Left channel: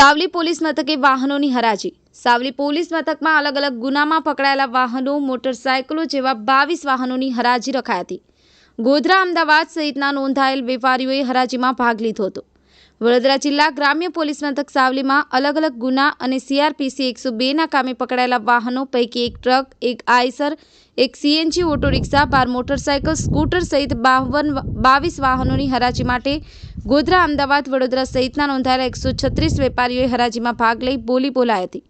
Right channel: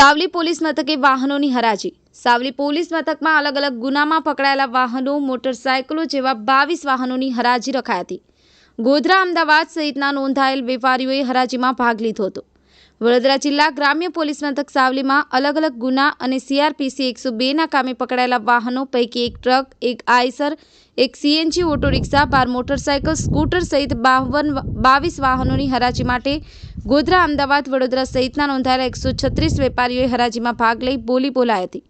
Savli police મથકે વાહનોની હરાજી. સાવલી પોલીસ મથકમાં અલગ અલગ ગુનામાં પકડાયેલા વાહનો, મોટરસાયકલો જેવા બાવીસ વાહનોની હરાજી રખાઈ હતી. ગોધરા, અમદાવાદ સહિતના નોંધાયેલ વેપારીઓએ હરાજીમાં ભાગ લીધો હતો. વડોદરા જિલ્લા ગ્રામ્ય પોલીસ મથક સાવલીમાં અલગ અલગ ગુના અને સીઆરપીસી એકસો બેના કામે પકડાયેલા વાહનો પૈકી એક ટ્રક, એક આઈસર, એક સીએનજી ઓટો રિક્ષા, બાર મોટરસાયકલ, સ્કૂટર સહિત બાવન, બાવીસ વાહનોની હરાજી માટે ગોધરા, અમદાવાદ, વડોદરા સહિતના નોંધાયેલા એકસો છત્રીસ વેપારીઓએ હરાજીમાં ભાગ લઈ બોલી બોલાઈ હતી.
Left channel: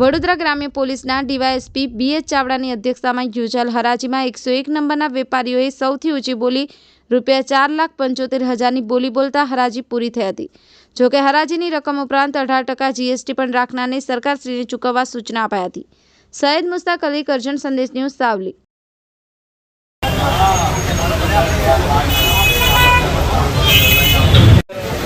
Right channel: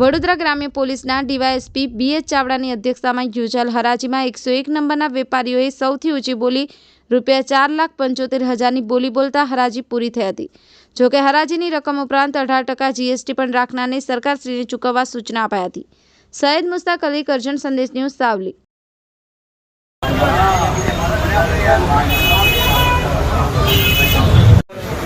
વડોદરા ગ્રામ્ય પોલીસના ડીવાયએસપી બીએચ ચાવડાની અધ્યક્ષતામાં યોજાયેલ હરાજીમાં એકસો એક નંબરના વેપારીઓએ સૌથી ઊંચી બોલી રૂપિયા ચાર લાખ પંચોતેર હજારની બોલી બોલતા હરાજી પૂરી થઈ હતી. જોકે હરાજીની રકમ ઉપરાંત અઢાર ટકા જીએસટી પણ રાખનારને સરકારશ્રીને ચૂકવવા સૂચના અપાઈ હતી. સૈયદ મુસ્તાક અલી, કરજણ સંદેશ ન્યૂઝ સાવલી એની રીતથી સમજાવો બળથી સમજાવો હજાર અગિયાર નંબર અગિયાર નંબર બે લાખ ઇઠ્યાસી હજાર ઓ આદવભાઈ તું બોલો છન્નું નંબર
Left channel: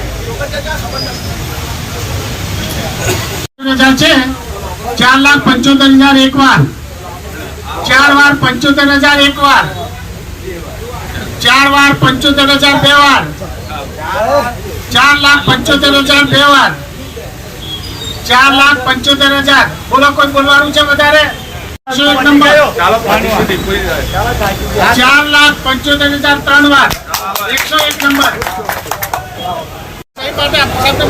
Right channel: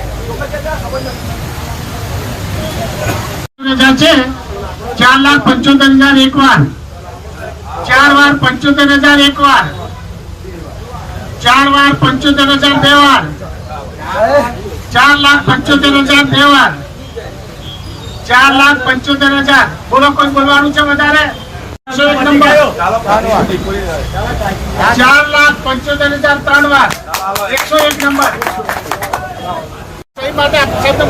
હજાર છે ચાર લાખ પંચોતેર હજાર એક વાર ચાર વાર પંચોતેર હજાર એક વાર ચાર વાર પંચોતેર હજાર બે વાર ચાર લાખ પંચોતેર હજાર બે વાર ચાર લાખ પંચોતેર હજાર બોલો કોઈ બોલવાનું છે વધારે એકસો એક નંબર ચાર લાખ પંચોતેર હજાર ત્રણ વાર એકસો એક નંબર মাঠে আপনার সাথে